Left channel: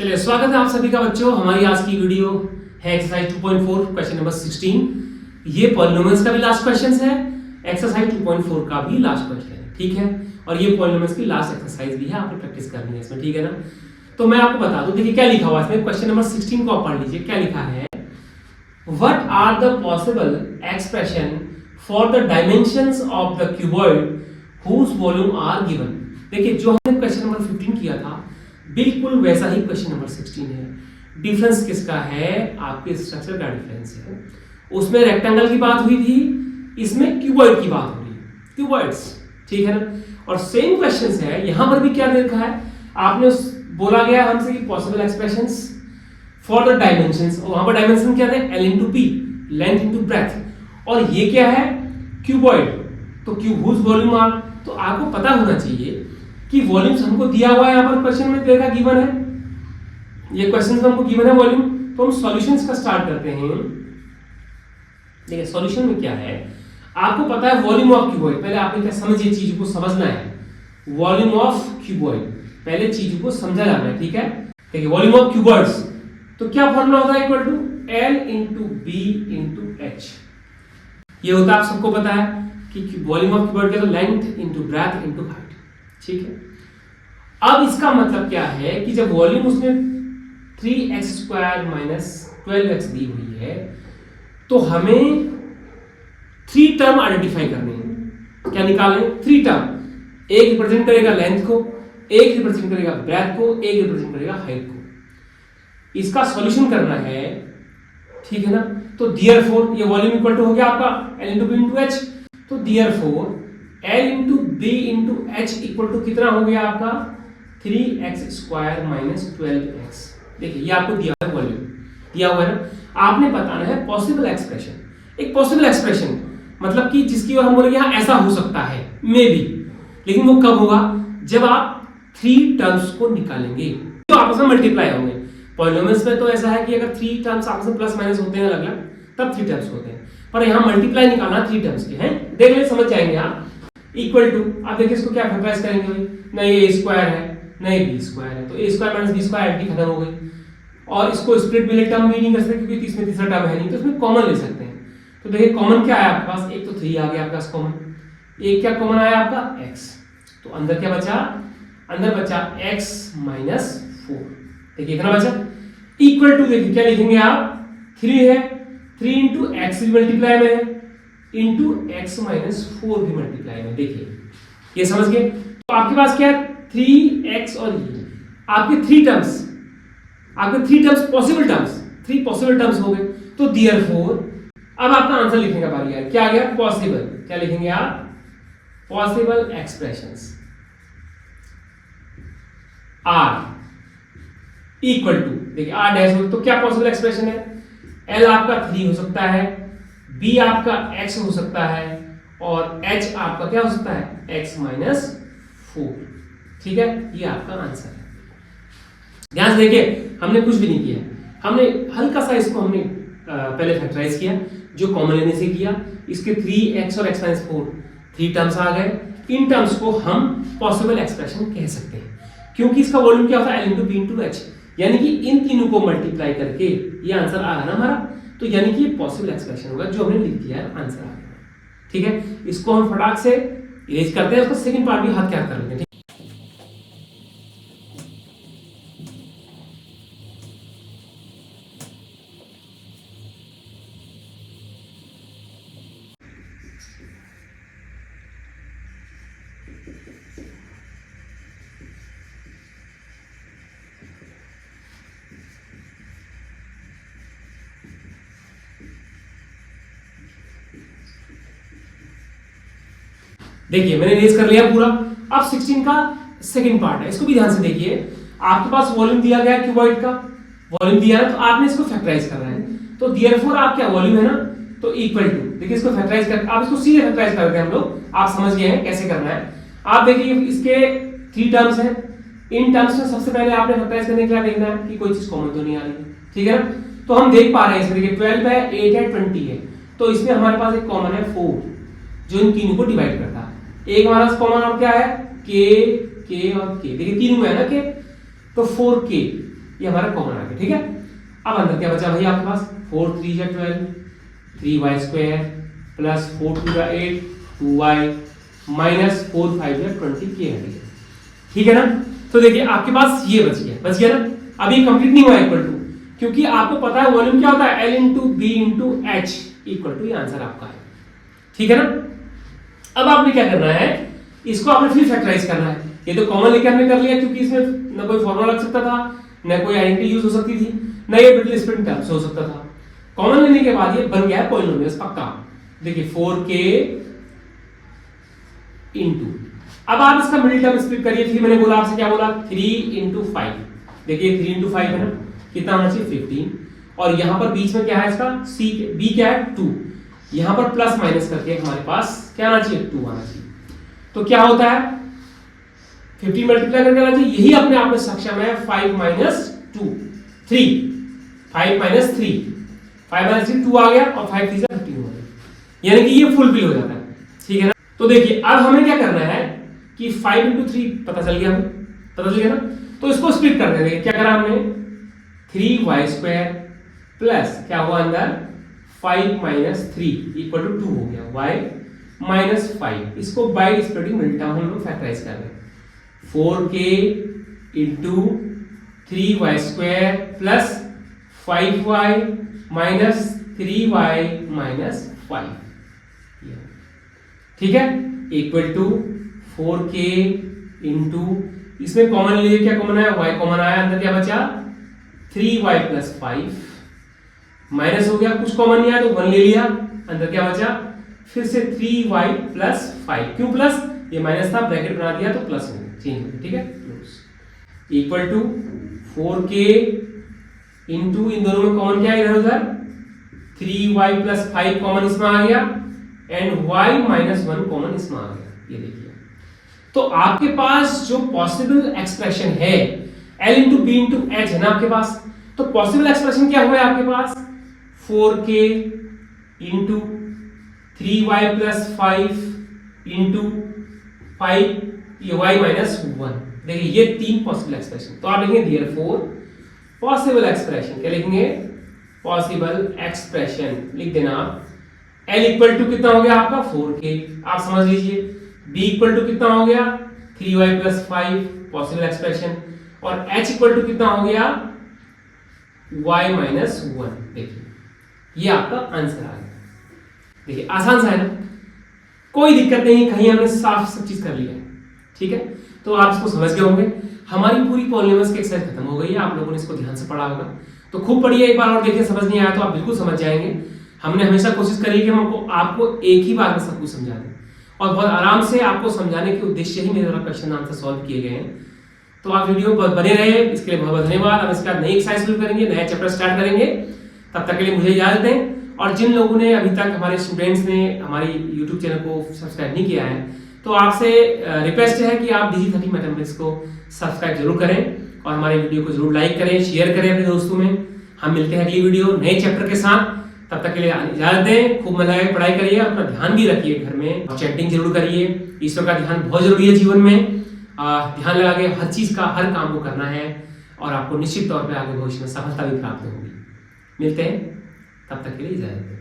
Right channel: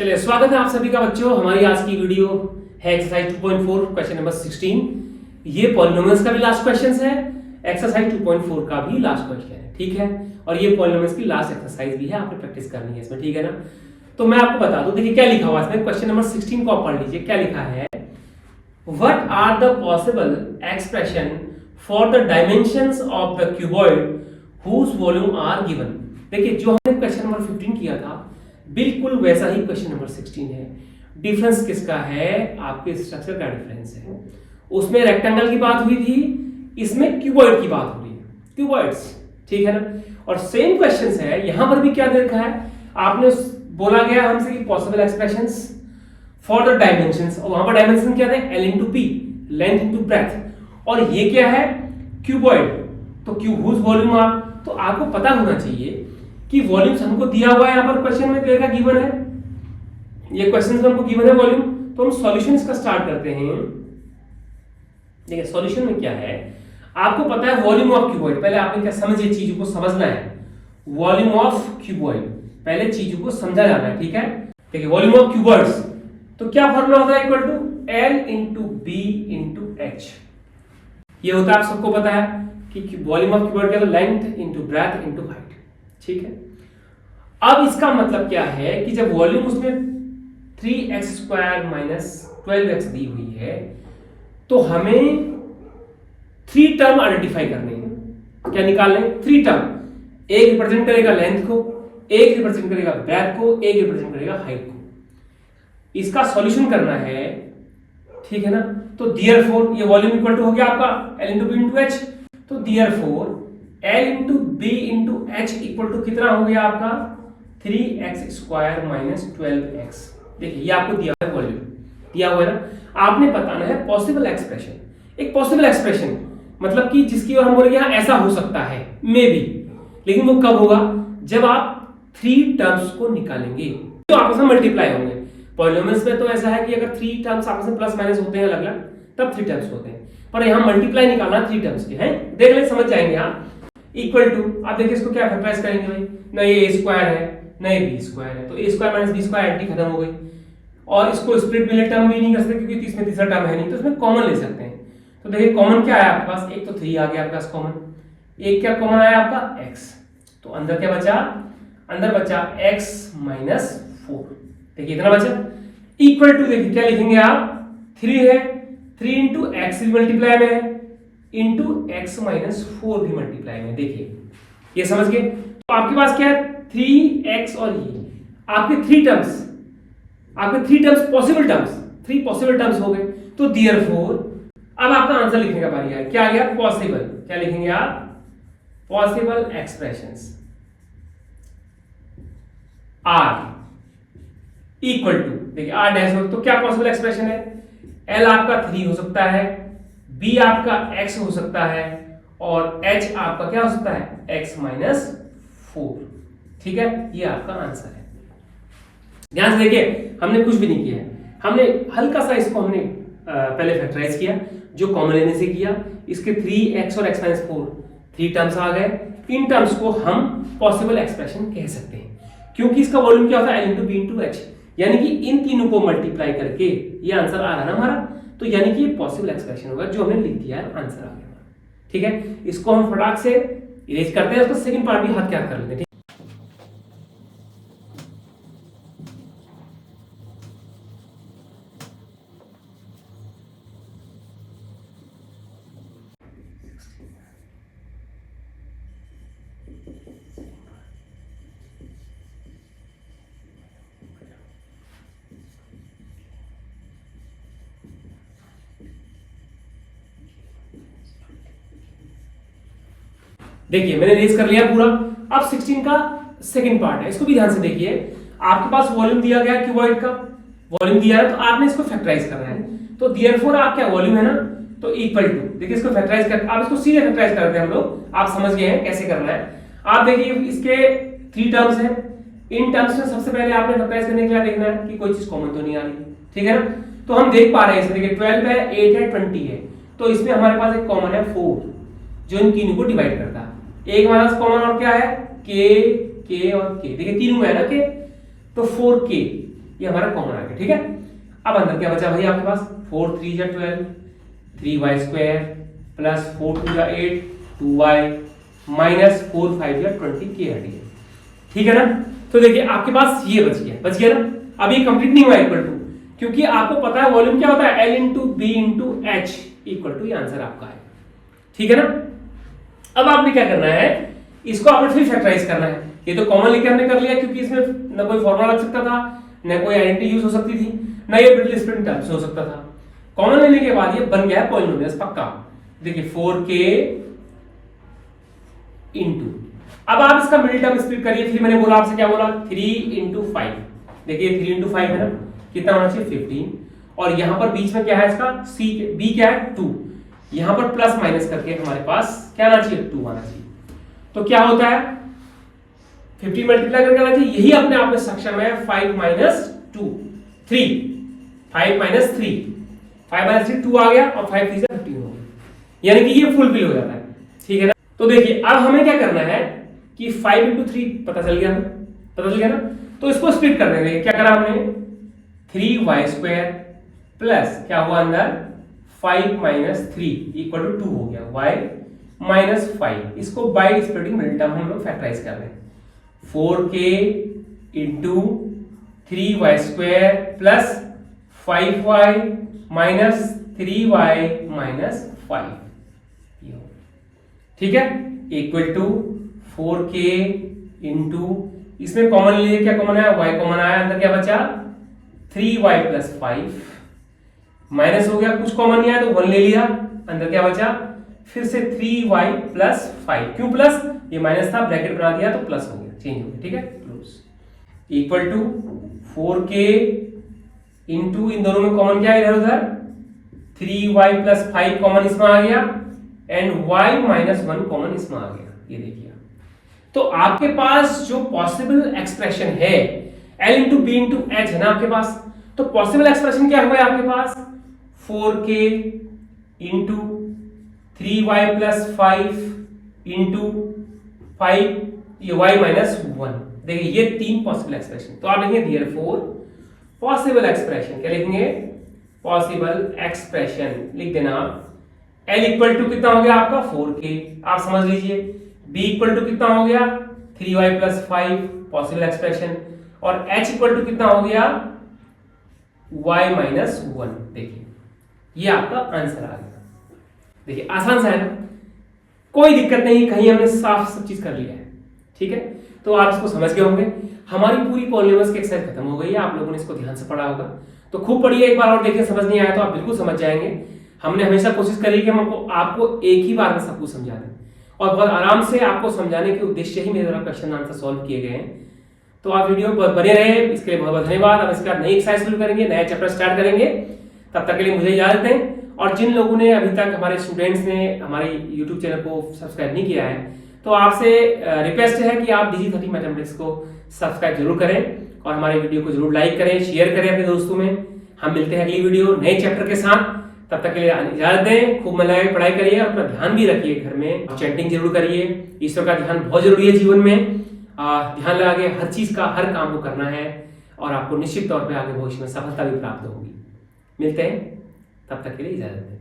चलिए, स्वागत है आप सभी का बच्चों। हमारी आज की वीडियो है एक्सरसाइज 2.4 क्वेश्चन नंबर 16। ये पॉलिनोमियल्स का भी लास्ट क्वेश्चन है, एक्सरसाइज 2.4 का भी लास्ट क्वेश्चन है, ठीक है। और ये पॉलिनोमियल्स की लास्ट एक्सरसाइज भी है, आपको प्रैक्टिस करनी है इसमें, ठीक है ना। तो मैं आपको बता दूं, देखिए क्या लिखा हुआ है इसमें। क्वेश्चन नंबर 16 को आप पढ़ लीजिए, क्या लिखा है। What are the possible expression for the dimensions of the cuboid whose volume are given. देखिए, जो हमने क्वेश्चन नंबर 15 किया था बिल्कुल वैसा ही क्वेश्चन नंबर 16 है। डिफरेंस किसका है? आपके स्ट्रक्चर का डिफरेंस है। उसमें रेक्टेंगल की बात हुई थी, इसमें क्यूबॉइड की बात हुई है, क्यूबॉइड्स, ठीक है ना। और सेम क्वेश्चंस है, यहां पर भी क्या देखा है आपने, बोला गया हमसे कि possible expressions for the dimensions, और वहां पर डायमेंशन क्या थे? L into P, length into breadth. और ये क्या है? क्यूबॉइड। तो क्यूब हुज वॉल्यूम आर, तो आपको पता होना चाहिए कि वॉल्यूम्स हमको दिया हुआ है। यहां पर क्वेश्चन में देखा गिवन है, ये क्वेश्चन में हमको गिवन है वॉल्यूम। तो हम सॉल्यूशंस का स्टार्ट करते हैं। देखिए सॉल्यूशन में क्या है, आपको पता है वॉल्यूम ऑफ क्यूबॉइड। पहले आपने क्या समझिए, चीज को समझना है। वॉल्यूम ऑफ क्यूबॉइड, पहले चीज को समझा जाना है, ठीक है। देखिए वॉल्यूम ऑफ क्यूबॉइड्स, तो क्या फॉर्मूला होता है? Equal to L into B into h. ये होता है, आप सबको पता है कि वॉल्यूम ऑफ क्यूबॉइड क्या है? Length into breadth into height, ठीक है। अब इसका मतलब क्या है कि जब वॉल्यूम उसमें 3x स्क्वायर माइनस 12x दी हुई है, तो हमें 3 टर्म आइडेंटिफाई करने हैं। क्या निकालने? 3 टर्म। एक रिप्रेजेंट करेगा लेंथ को, एक रिप्रेजेंट करेगा ब्रेथ को, एक रिप्रेजेंट करेगा हाइट को। इसका सॉल्यूशन करना है, ठीक है ना। तो देयरफॉर ये वॉल्यूम इक्वल टू हो गया आपका L into B into H. तो therefore L into B into H equal to कितना हो गया आपका? 3x square minus 12x। देखिए ये आपको दिया है वॉल्यूम, दिया हुआ है ना। आपने बताना है पॉसिबल एक्सप्रेशन। एक पॉसिबल एक्सप्रेशन मतलब कि जिसकी हम बोलेंगे हाँ ऐसा हो सकता है, मे बी, लेकिन वो कब होगा? जब आप 3 टर्म्स को निकालेंगे तो आपस में मल्टीप्लाई होंगे। पॉलिनोमियल्स में तो ऐसा है कि अगर 3 टर्म्स आपस में प्लस माइनस होते हैं अलग अलग, तब 3 टर्म्स होते हैं, पर यहाँ मल्टीप्लाई निकालना 3 टर्म्स के हैं। देख ले, समझ जाएंगे आप। इक्वल टू, आप देखिए इसको क्या फैक्टराइज करेंगे भाई, नहीं ये स्क्वायर है, नहीं बी स्क्वायर है, तो A square minus B square एंटी खत्म हो गई। और इसको स्प्लिट भी टर्म भी नहीं कर सकते क्योंकि इसमें तीसरा टर्म है नहीं, तो इसमें कॉमन ले सकते हैं। तो देखिए कॉमन क्या है आपके पास? एक तो 3 आ गया आपके पास कॉमन, एक क्या कॉमन आया आपका? x। तो अंदर क्या बचा? अंदर बचा x माइनस 4। देखिए इतना बचा। इक्वल टू, देखिए क्या लिखेंगे आप? 3 है, 3 इंटू एक्स भी मल्टीप्लाई में है, इंटू एक्स माइनस 4 भी मल्टीप्लाई में। देखिए ये समझ गए। तो आपके पास क्या है? 3x और ये आपके 3 टर्म्स, आपके 3 terms possible terms, 3 possible terms हो गए। तो देयरफॉर अब आपका आंसर लिखने का बारी है। क्या आ गया? पॉसिबल। क्या लिखेंगे आप? Possible expressions are equal to, देखिए आर डैश हो, तो क्या पॉसिबल एक्सप्रेशन है? L आपका 3 हो सकता है, B आपका x हो सकता है, और H आपका क्या हो सकता है? x माइनस 4, ठीक है। ये आपका आंसर है। ध्यान से देखिए, हमने कुछ भी नहीं किया, हमने हल्का सा इसको हमने पहले फैक्टराइज किया, जो कॉमन लेने से किया। इसके 3x और x माइनस 4 3 टर्म्स आ गए। इन टर्म्स को हम पॉसिबल एक्सप्रेशन कह सकते हैं, क्योंकि इसका वॉल्यूम क्या होता है? L into B into h. यानी कि इन तीनों को मल्टीप्लाई करके ये आंसर आ रहा ना हमारा, तो यानी कि ये पॉसिबल एक्सप्रेशन होगा जो हमने लिख दिया है, आंसर आ गया, ठीक है। इसको हम फटाक से इरेज करते हैं, उसका सेकंड पार्ट भी हाथ क्या कर लेते हैं। देखिए मैंने रेज कर लिया पूरा। अब 16 का सेकंड पार्ट है, इसको भी ध्यान से देखिए। आपके पास वॉल्यूम दिया गया क्यूबॉइड का, वॉल्यूम दिया है, तो आपने इसको फैक्टराइज करना है। तो देयरफॉर आप क्या, वॉल्यूम है ना, तो इक्वल टू, देखिए इसको फैक्टराइज कर, आप इसको सीधे फैक्टराइज करते हैं हम लोग, आप समझ गए हैं कैसे करना है। आप देखिए इसके 3 टर्म्स हैं, इन टर्म्स में सबसे पहले आपने फैक्टराइज करने के लिए देखना है कि कोई चीज कॉमन तो नहीं आ रही, ठीक है ना। तो हम देख पा रहे हैं इसमें, देखिए 12 है, 8 है, 20 है, तो इसमें हमारे पास एक कॉमन है 4, जो इन तीनों को डिवाइड करता है। एक हमारा कॉमन और क्या है? k, k और k। देखिए तीनों में है ना k, तो 4k, ये हमारा कॉमन आ गया, ठीक है। अब अंदर क्या बचा भैया आपके पास, 4 3 जा 12, 3y स्क्वायर प्लस 4 2 जा 8, 2y माइनस 4 5 जा 20 के हट गया, ठीक है ना। तो देखिए आपके पास ये बच गया ना। अब ये कंप्लीट नहीं हुआ इक्वल टू, क्योंकि आपको पता है वॉल्यूम क्या होता है, L into B into H equal to, ये आंसर आपका है, ठीक है ना। अब आपने क्या करना है, इसको आपने फिर फैक्टराइज करना है। ये तो कॉमन लेके हमने कर लिया, क्योंकि इसमें ना कोई फॉर्मूला लग सकता था, ना कोई आइडेंटिटी यूज हो सकती थी, ना ये ब्रिटल स्प्लिट टर्म्स हो सकता था। कॉमन लेने के बाद ये बन गया है पॉलिनोमियल्स पक्का। देखिए 4k इंटू, अब आप इसका मिडिल टर्म स्प्लिट करिए। फिर मैंने बोला आपसे, क्या बोला, 3 इंटू 5। देखिए 3 इंटू 5 है ना, कितना होना चाहिए 15, और यहां पर बीच में क्या है इसका c, b क्या है 2, यहां पर प्लस माइनस करके हमारे पास क्या आना चाहिए 2 आना चाहिए। तो क्या होता है 15 मल्टीप्लाई करके आना चाहिए, यही अपने आप में सक्षम है। 5 माइनस 2 3, 5 माइनस 3, 5 माइनस 3 2 आ गया, और 5 3 15 हो गया, यानी कि ये फुलफिल हो जाता है, ठीक है ना। तो देखिए अब हमें क्या करना है कि 5 इंटू 3 पता चल गया, हमें पता चल गया ना। तो इसको स्प्लिट कर देंगे। क्या करा हमने, 3y स्क्वायर प्लस क्या हुआ अंदर 5 माइनस 3 इक्वल टू 2 हो गया, y माइनस 5। इसको बाय स्प्लिटिंग मिडिल टर्म हम लोग फैक्टराइज कर रहे हैं। 4k into 3y square plus 5y minus 3y minus 5, ठीक है, इक्वल टू 4k इंटू, इसमें कॉमन लिए, क्या कॉमन आया, y कॉमन आया, अंदर क्या बचा 3y प्लस 5, माइनस हो गया, कुछ कॉमन नहीं आया तो 1 ले लिया, अंदर क्या बचा फिर से 3y प्लस 5। क्यों प्लस, ये माइनस था, ब्रैकेट बना दिया तो प्लस हो गया, चेंज हो गया, ठीक है, plus equal to 4k into, इन दोनों में कॉमन क्या है इधर उधर, 3y प्लस 5 कॉमन इसमें आ गया, एंड y माइनस 1 कॉमन इसमें आ गया, ये देखिए। तो आपके पास जो पॉसिबल एक्सप्रेशन है L into B into h है ना आपके पास, तो पॉसिबल एक्सप्रेशन क्या हुआ है आपके पास, 4k into 3y plus 5 into 5 ये y माइनस 1। देखिए ये 3 पॉसिबल एक्सप्रेशन। तो आप लिखेंगे देयरफॉर पॉसिबल एक्सप्रेशन, क्या लिखेंगे, पॉसिबल एक्सप्रेशन लिख देना आप। L इक्वल टू कितना हो गया आपका 4k, आप समझ लीजिए। B इक्वल टू कितना हो गया 3y प्लस 5 पॉसिबल एक्सप्रेशन, और H इक्वल टू कितना हो गया y माइनस 1। देखिए ये आपका आंसर आ गया। देखिए आसान सा है, कोई दिक्कत नहीं, कहीं हमने साफ सब चीज कर लिया है, ठीक है। तो आप इसको समझ गए होंगे। हमारी पूरी पॉलिनोमियल्स की एक्सरसाइज खत्म हो गई है, आप लोगों ने इसको ध्यान से पढ़ा होगा, तो खूब पढ़िए एक बार और देखिए, समझ नहीं आया तो आप बिल्कुल समझ जाएंगे। हमने हमेशा कोशिश करी कि हम आपको एक ही बार में सब कुछ समझा दें, और बहुत आराम से आपको समझाने के उद्देश्य ही मेरे द्वारा क्वेश्चन आंसर सॉल्व किए गए हैं। तो आप वीडियो पर बने रहे, इसके लिए बहुत बहुत धन्यवाद। अब इसका नई एक्सरसाइज शुरू करेंगे, नया चैप्टर स्टार्ट करेंगे, तब तक के लिए मुझे इजाजत दें। और जिन लोगों ने अभी तक, हमारे स्टूडेंट्स ने हमारे यूट्यूब चैनल को सब्सक्राइब नहीं किया है, तो आपसे रिक्वेस्ट है कि आप Digi30 मैथमेटिक्स को सब्सक्राइब जरूर करें, और हमारे वीडियो को जरूर लाइक करें, शेयर करें अपने दोस्तों में। हम मिलते हैं अगली वीडियो नए चैप्टर के साथ, तब तक के लिए इजाजत दें। खूब मन लगाए पढ़ाई करिए, अपना ध्यान भी रखिए घर में, चैटिंग जरूर करिए। ईश्वर का ध्यान बहुत जरूरी है जीवन में, ध्यान लगा के हर चीज का, हर काम को करना है, और आपको निश्चित तौर पे आगे भविष्य में सफलता भी प्राप्त होगी। मिलते हैं, तब तक के लिए इजाजत दें।